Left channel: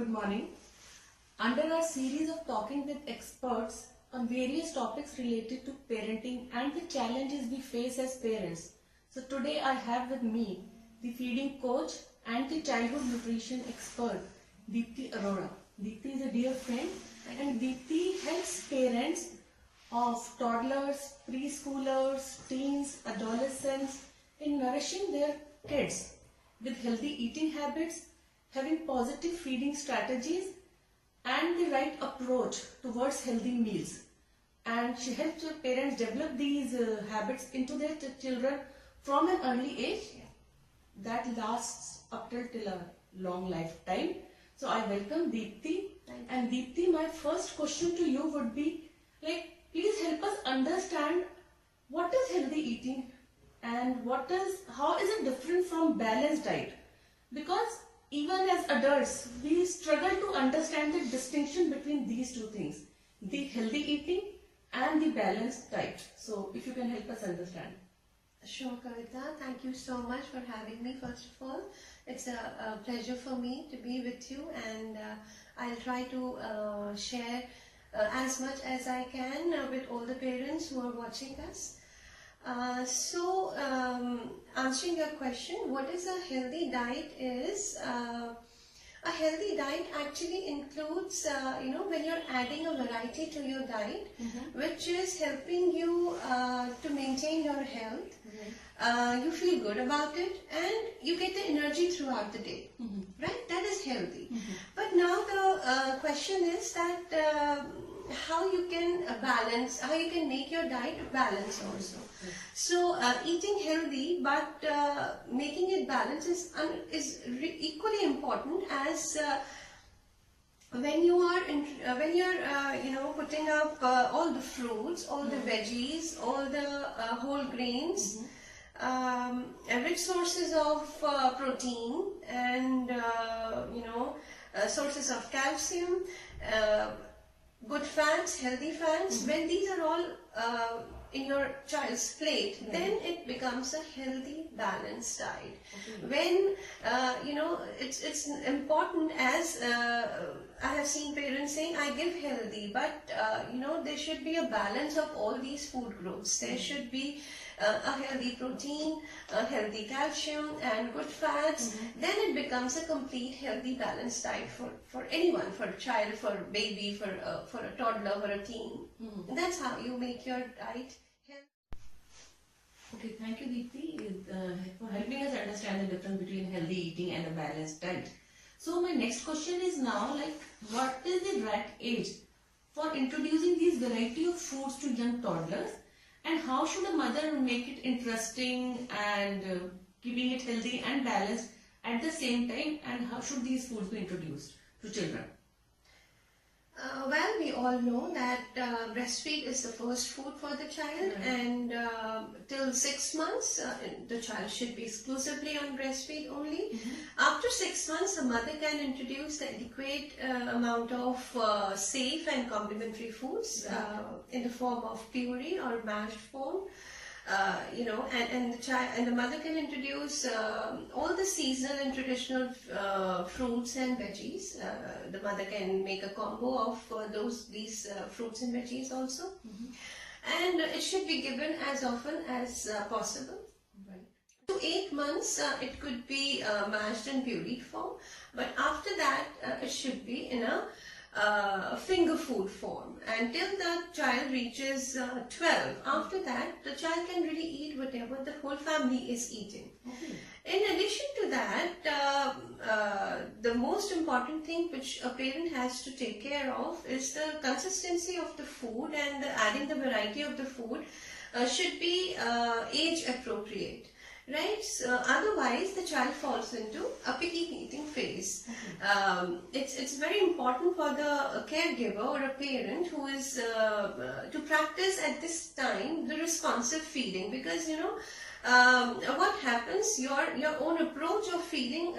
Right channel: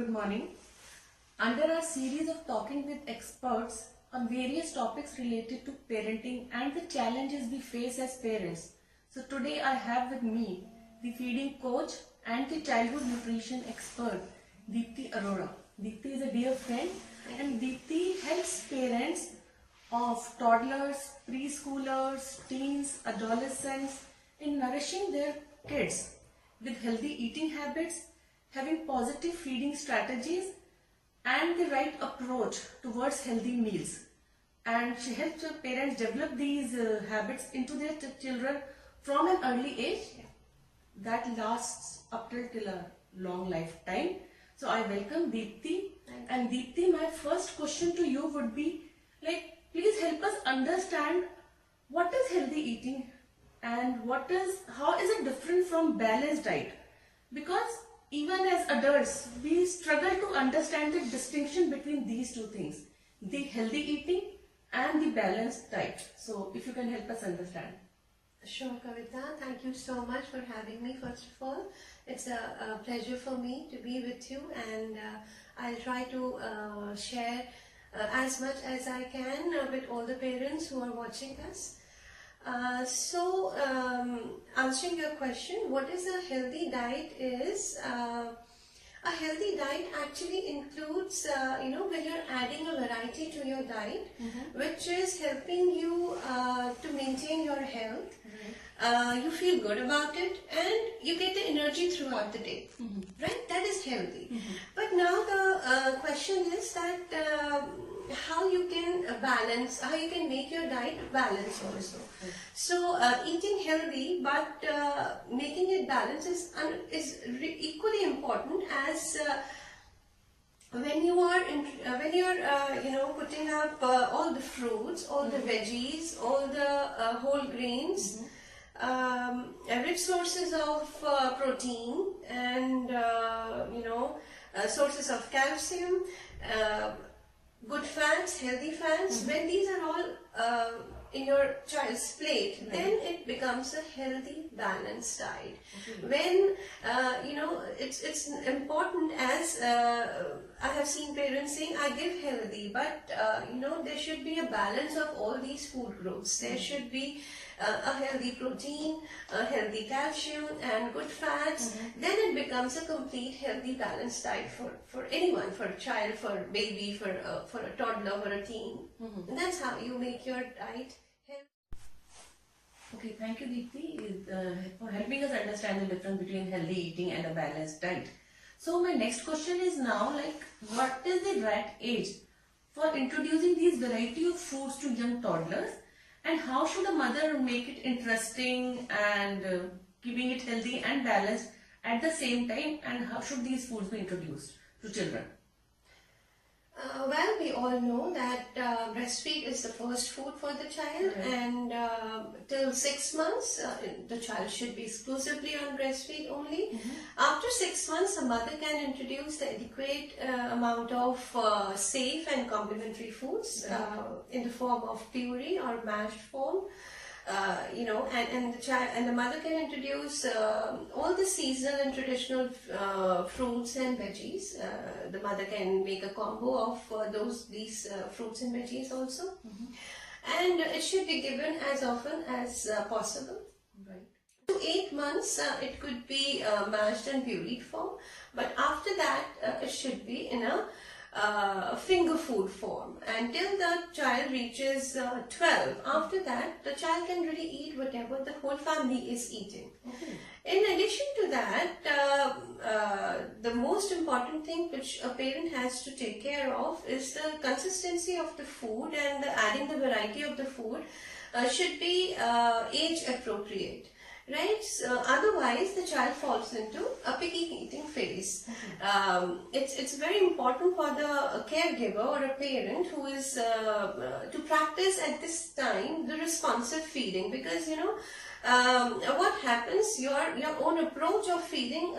Good morning. Under our series of Talking with Experts on various topics related to parenting and the challenges we face as parents. So today I have with me the feeding coach and the childhood nutrition expert, Deepti Arora. Deepti is a dear friend and Deepti helps parents of toddlers, preschoolers, teens, adolescents in nourishing their kids with healthy eating habits, having positive feeding strategies and the right approach towards healthy meals. And she helps her parents develop these habits into their children from an early age that lasts up till a long lifetime. So I welcome Deepti. And Deepti, my first question to you would be, please help us understand what is healthy eating and how is it different from balanced diet? Because even as adults, we struggle to understand the distinction between these two things, the healthy eating and the balanced diet. So if you can help us understand. Sure, Kavita. Thank you so much for having me, first of all. It's a pleasure for me to be with you, and I'll try to share as much as I can with all the parents who are watching us. Answering your question, what is a healthy diet is, a healthy diet actually includes, when you're adding a variety to your diet, which is helping you to maintain your health. You feel good about it and you get the energy throughout the day, right? That is healthy. But now the question is that how you can balance, how you can make your diet balanced also. So eating healthy but making it balanced is equally important as when you are putting up all the fruits, all the veggies, all the whole grains, rich sources of protein and sources of calcium, good fats, healthy fats. When these are all in your child's plate, then it becomes a healthy, balanced diet. When it's important, as I have seen parents saying, I give healthy, but there should be a balance of all these food groups. There should be a healthy protein, a healthy calcium and good fats. Then it becomes a complete healthy balanced diet for anyone, for a child, for a baby, for a toddler, for a teen. And that's how you make your diet healthy. Okay, thank you Deepti for helping us understand the difference between healthy eating and a balanced diet. So my next question is now, what is the right age for introducing these variety of foods to young toddlers? And how should a mother make it interesting and keeping it healthy and balanced at the same time? And how should these foods be introduced to children? Well, we all know that breastfeed is the first food for the child, and till 6 months, the child should be exclusively on breastfeed only. After 6 months, a mother can introduce the adequate amount of safe and complementary foods in the form of puree or mashed form. And the mother can introduce all the seasonal and traditional fruits and veggies. The mother can make a combo of these fruits and veggies also. And it should be given as often as possible. To 8 months, it could be mashed and pureed form, but after that, it should be in a finger food form until the child reaches 12. After that, the child can really eat whatever the whole family is eating. In addition to that, the most important thing which a parent has to take care of is the consistency of the food, and adding the variety of the food should be age appropriate. Right? So otherwise, the child falls into a picky eating phase. It's very important for the caregiver or a parent who is to practice at this time the responsive feeding, because what happens, your own approach of feeding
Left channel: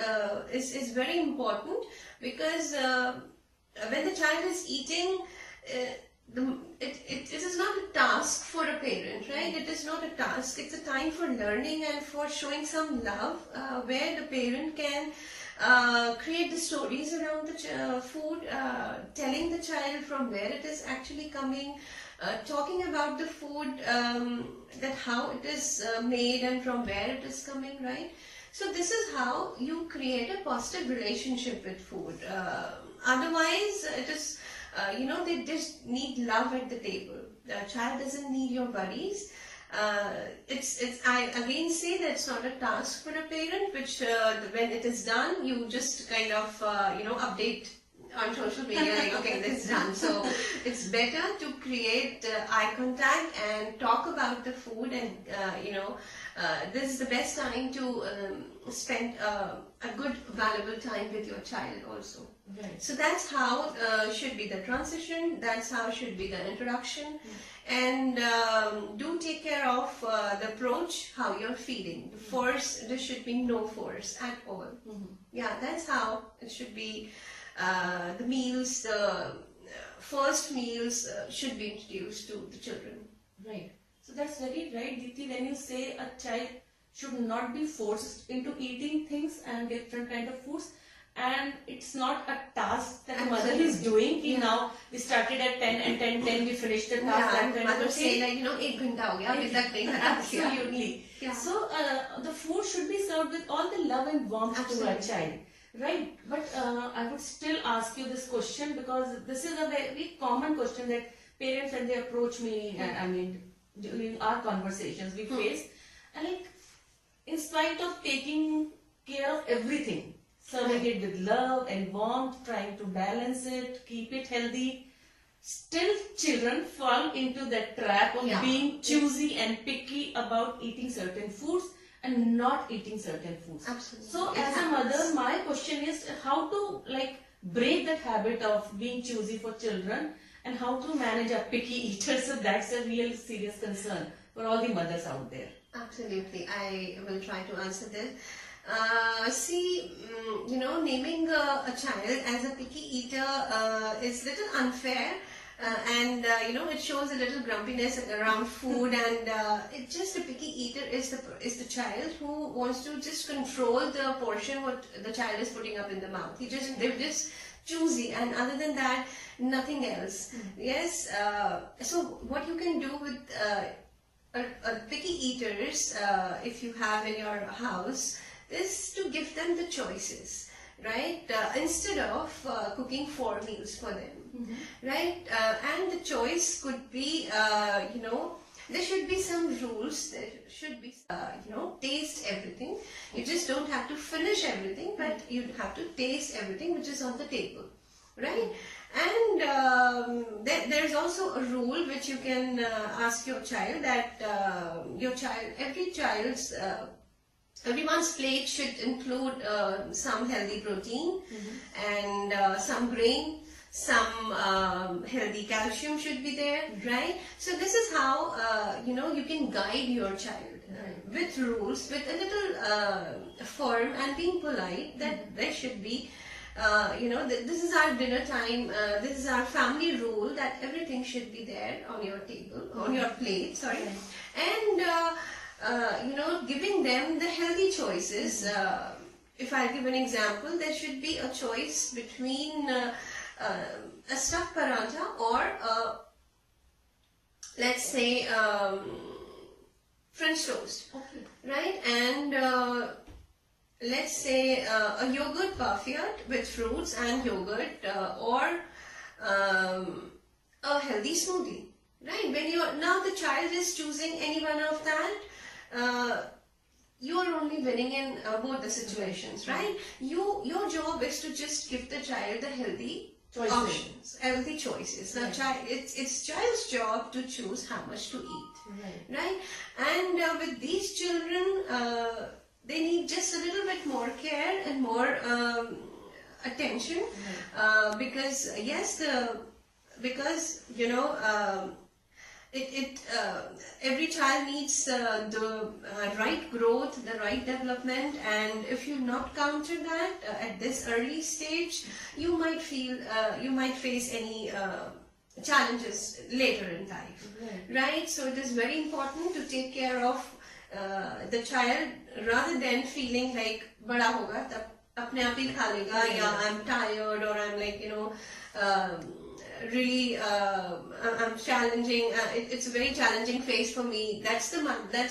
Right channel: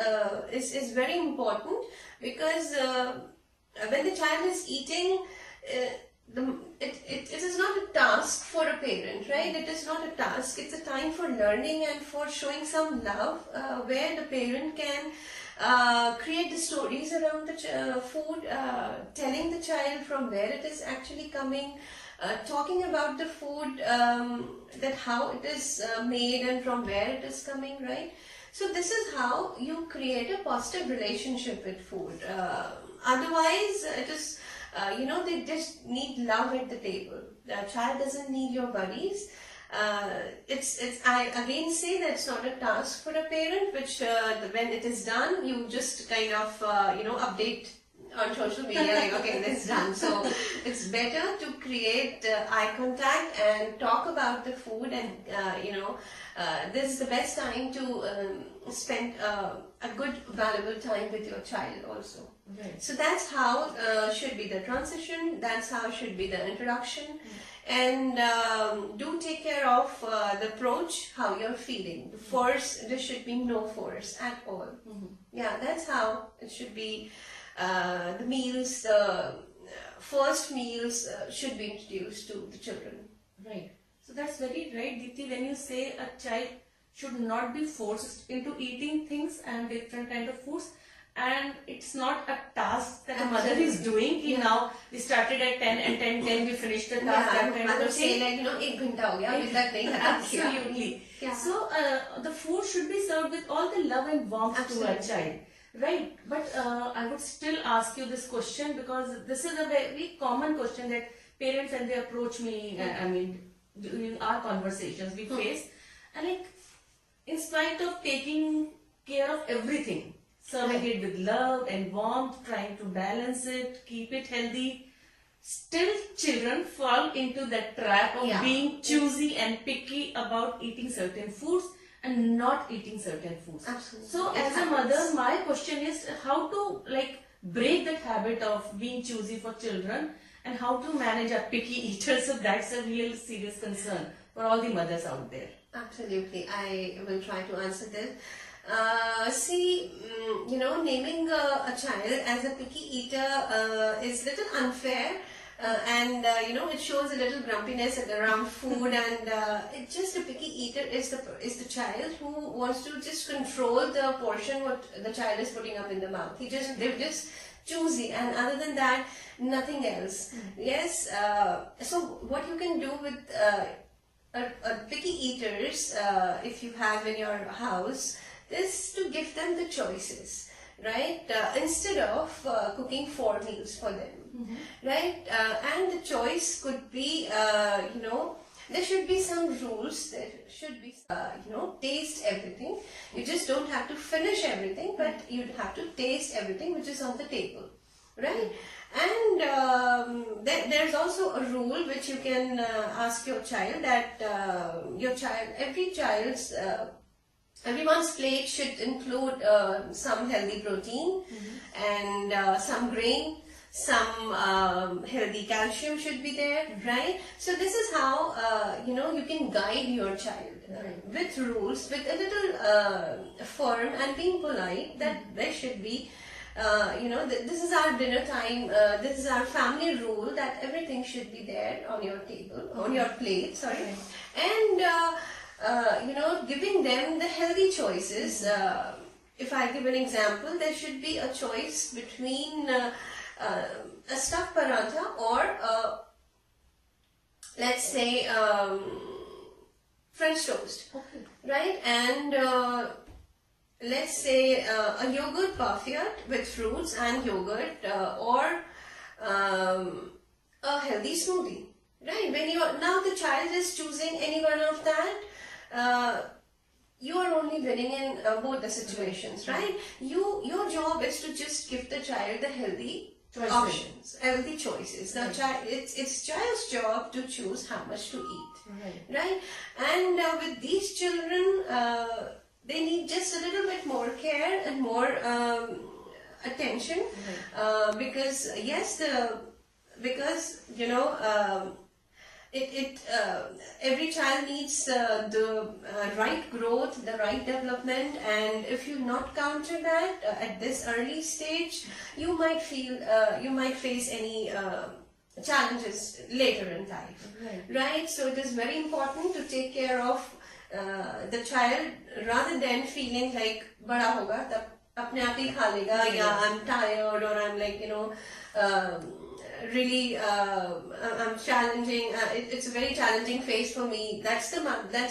is very important, because when the child is eating, it is not a task for a parent, right? It is not a task. It's a time for learning and for showing some love, where the parent can create the stories around the food, telling the child from where it is actually coming, talking about the food, that how it is made and from where it is coming, right? So this is how you create a positive relationship with food. Otherwise, it is, they just need love at the table. The child doesn't need your worries. I again say that it's not a task for a parent, which when it is done, you just kind of, update on social media like, okay, this is done. So it's better to create eye contact and talk about the food, and this is the best time to spend a good valuable time with your child also. Right. So that's how should be the transition, that's how should be the introduction. And do take care of the approach, how you're feeding. The force, there should be no force at all. Yeah, that's how it should be. The meals, the first meals should be introduced to the children. Right. So that's very right, Deepti, when you say a child should not be forced into eating things and different kind of foods, and it's not a task that the mother is doing. Now we started at 10 and 10 we finished the task. Yeah, mother say like, 1 ghanta ho gaya, abhi tak nahi khatam kiya. Absolutely. Yeah. So the food should be served with all the love and warmth to our child. Right, but I would still ask you this question, because this is a very common question that parents, when they approach me, during our conversations we face, and like, in spite of taking care of everything, serving it with love and warmth, trying to balance it, keep it healthy, still children fall into that trap of being choosy and picky about eating certain foods and not eating certain foods. Absolutely. So as a mother, my question is how to break that habit of being choosy for children, and how to manage a picky eater. So that's a real serious concern for all the mothers out there. Absolutely. I will try to answer this. Naming a child as a picky eater is little unfair. And it shows a little grumpiness around food, and it's just a picky eater is the child who wants to just control the portion what the child is putting up in the mouth. They're just choosy, and other than that, nothing else. Yes. So what you can do with picky eaters, if you have in your house, is to give them the choices, right? Instead of cooking 4 meals for them. Right, and the choice could be, there should be some rules. There should be, taste everything. You just don't have to finish everything, but you have to taste everything which is on the table, right? And there's also a rule which you can ask your child, that everyone's plate should include some healthy protein and some grain. Some healthy calcium should be there, right? So this is how you can guide your child with rules, with a little firm and being polite, that there should be, this is our dinner time, this is our family rule, that everything should be there on your table, on your plate, sorry. And giving them the healthy choices. If I give an example, there should be a choice between a stuffed paratha or let's say French toast, right? And let's say a yogurt parfait with fruits and yogurt, or a healthy smoothie, right? When now the child is choosing any one of that, you are only winning in both the situations, right? Your job is to just give the child the healthy options, healthy choices. The child, it's child's job to choose how much to eat, right? And with these children, they need just a little bit more care and more attention, because every child needs the right growth, the right development, and if you not counter that at this early stage, you might face any challenges later in life, right? So it is very important to take care of the child rather than feeling like bada hoga tab apne aap hi kha lega, yeah, I'm tired, or I'm like, really I'm challenging, it's a very challenging phase for me. That's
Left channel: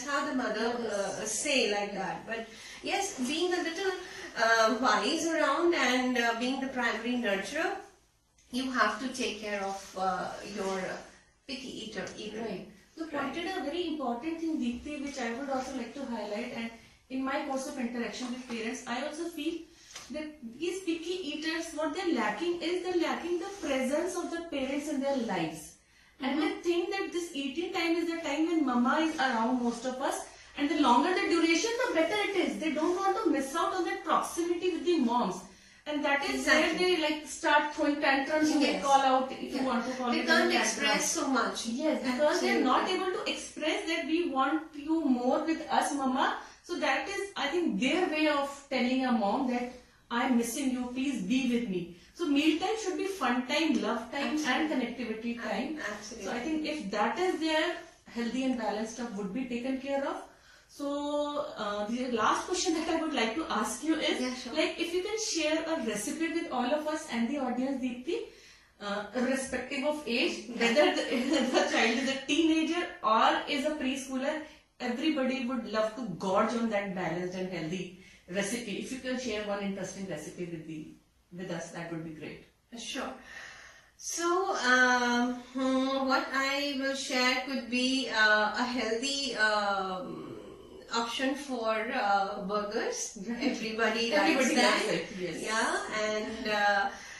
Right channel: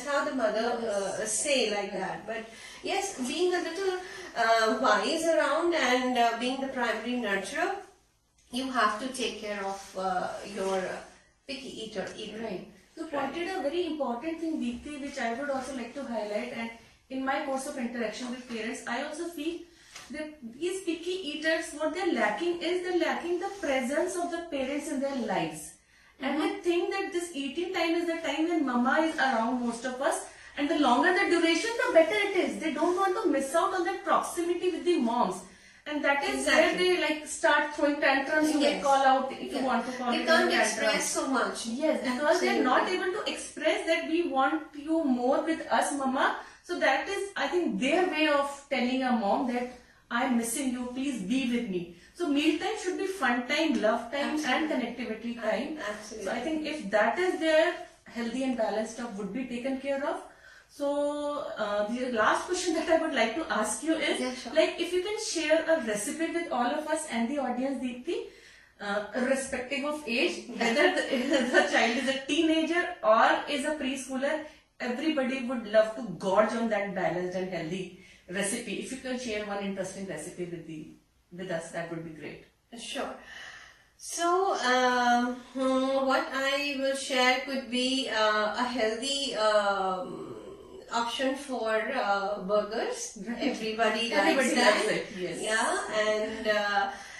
how the mother say like that. But yes, being a little wise around and being the primary nurturer, you have to take care of your picky eater. Right. You pointed a very important thing, Deepti, which I would also like to highlight. And in my course of interaction with parents, I also feel that these picky eaters, what they're lacking the presence of the parents in their lives. And they think that this eating time is the time when mama is around, most of us. And the longer the duration, the better it is. They don't want to miss out on that proximity with the moms. And that is where they like start throwing tantrums. You may call out if you want to call it. They can't express so much. Yes, because they're not able to express that we want you more with us, mama. So that is, I think, their way of telling a mom that I'm missing you, please be with me. So mealtime should be fun time, love time, and connectivity time. Absolutely. So I think if that is there, healthy and balanced stuff would be taken care of. So the last question that I would like to ask you is, like, if you can share a recipe with all of us and the audience, Deepti, irrespective of age, whether the child is a teenager or is a preschooler, everybody would love to gorge on that balanced and healthy recipe. If you can share one interesting recipe with us, that would be great. Sure. So, what I will share could be a healthy option for burgers. Everybody likes that. It, yes. Yeah, and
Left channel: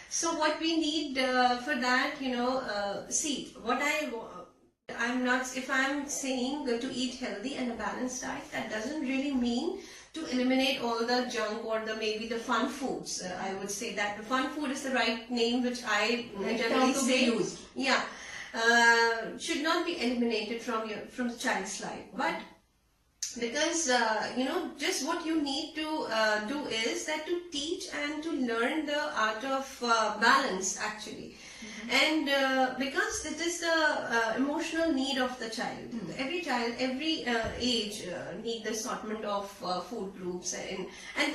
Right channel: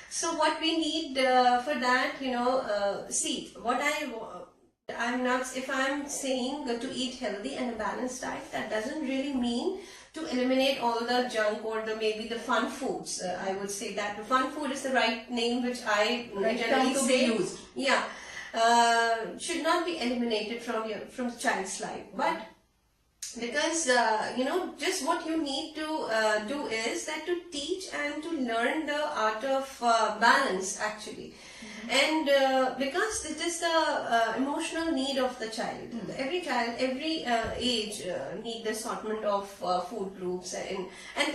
so what we need for that, see, if I'm saying to eat healthy and a balanced diet, that doesn't really mean to eliminate all the junk or maybe the fun foods. I would say that the fun food is the right name, which I generally say. Used. Yeah, should not be eliminated from the child's life, but because just what you need to do is that to teach and to learn the art of balance, actually. And because it is the emotional need of the child. Every child, every age need the assortment of food groups, and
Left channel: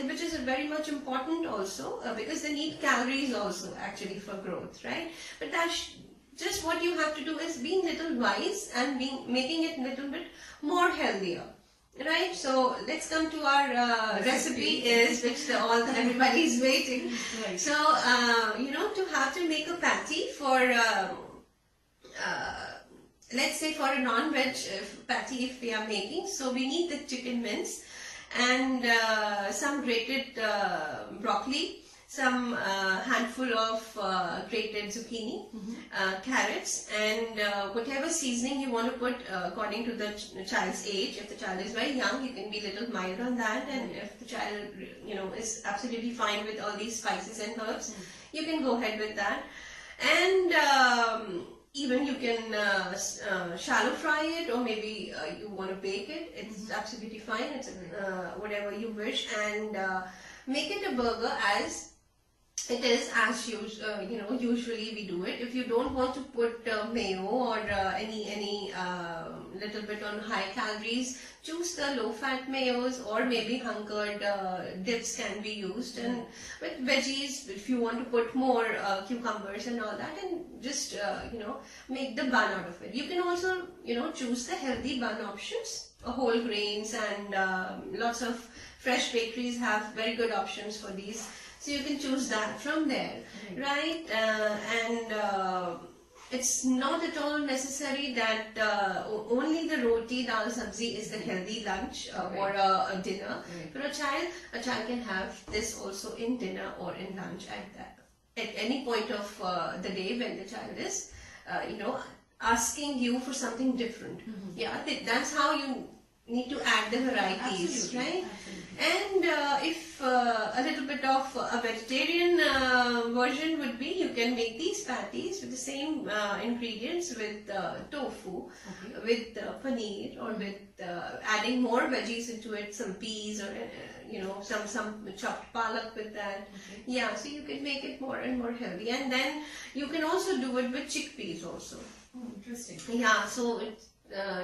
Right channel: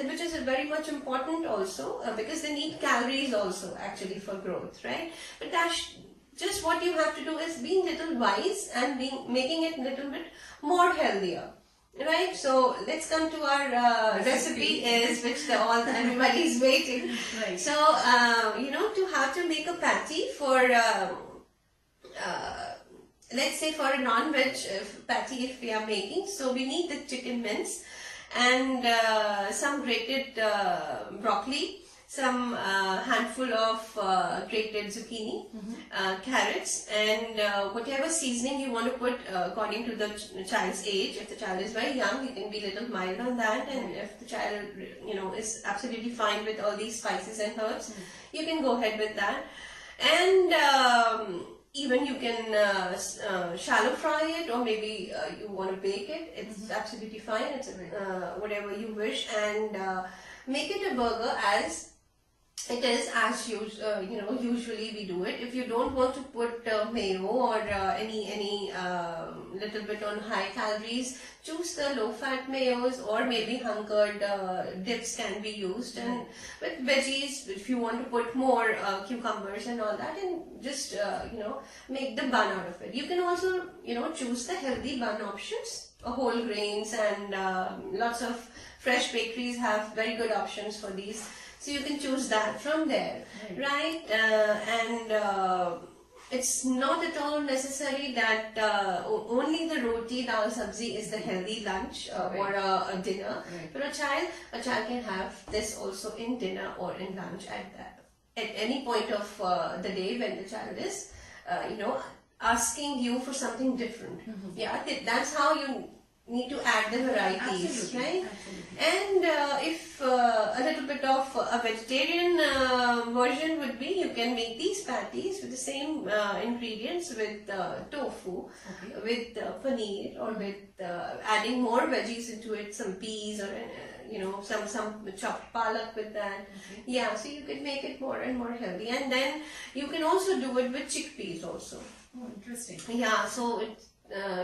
which is very much important also, because they need calories also actually for growth, right? But that's just what you have to do is being little wise and making it a little bit more healthier. Right, so let's come to our recipe which everybody is waiting. Right. So to have to make a patty for let's say for a non-veg patty if we are making. So we need the chicken mince and some grated broccoli, some handful of grated zucchini, carrots, and whatever seasoning you want to put according to the child's age. If the child is very young, you can be a little mild on that, and if the child is absolutely fine with all these spices and herbs, you can go ahead with that. And even you can shallow fry it, or maybe you want to bake it. It's absolutely fine. It's whatever you wish, and make it a burger as it is, as usually we do it. If you don't want to put mayo or any little bit on high calories, choose the low fat mayos, or maybe hunkered dips can be used. And with veggies, if you want to put more cucumbers and all that, and just make the bun out of it. You can also choose the healthy bun options, whole grains, and lots of fresh bakeries have very good options for these. So you can choose that from there, right? And it's not at all necessary that only the roti, dal, sabzi is the healthy lunch or a dinner. For a child can have this also in dinner or in lunch at any point of the day when the child is, asking you for something different. Yeah, that's how you need to add the varieties, right? Absolutely. And if a little bit of a vegetarian version would be, you can make these patties with the same ingredients with tofu, with paneer, or with adding more veggies into it, some peas or some chopped palak with that. Yeah, so you could make it more and more healthy. And then you can also do it with chickpeas also. Oh, interesting. Yeah, so it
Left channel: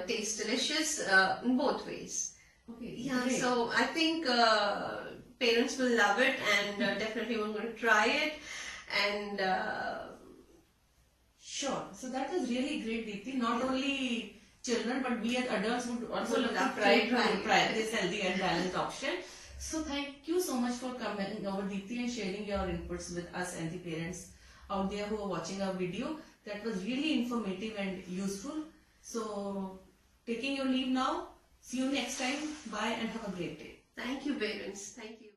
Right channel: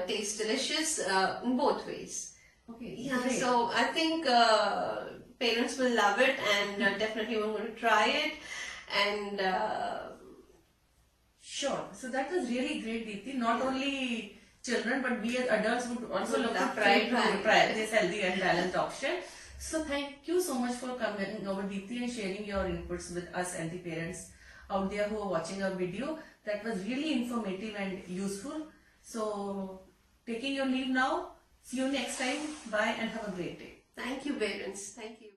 tastes delicious in both ways. Okay. Yeah, great. so I think parents will love it, and definitely we're going to try it. And Sure. So that was really great, Deepti. Not only children, but we as adults would also Would look love to to try this healthy and balanced option. So thank you so much for coming over, Deepti, and sharing your inputs with us and the parents out there who are watching our video. That was really informative and useful. So taking your leave now. See you next time. Bye and have a great day. thank you, parents. Thank you.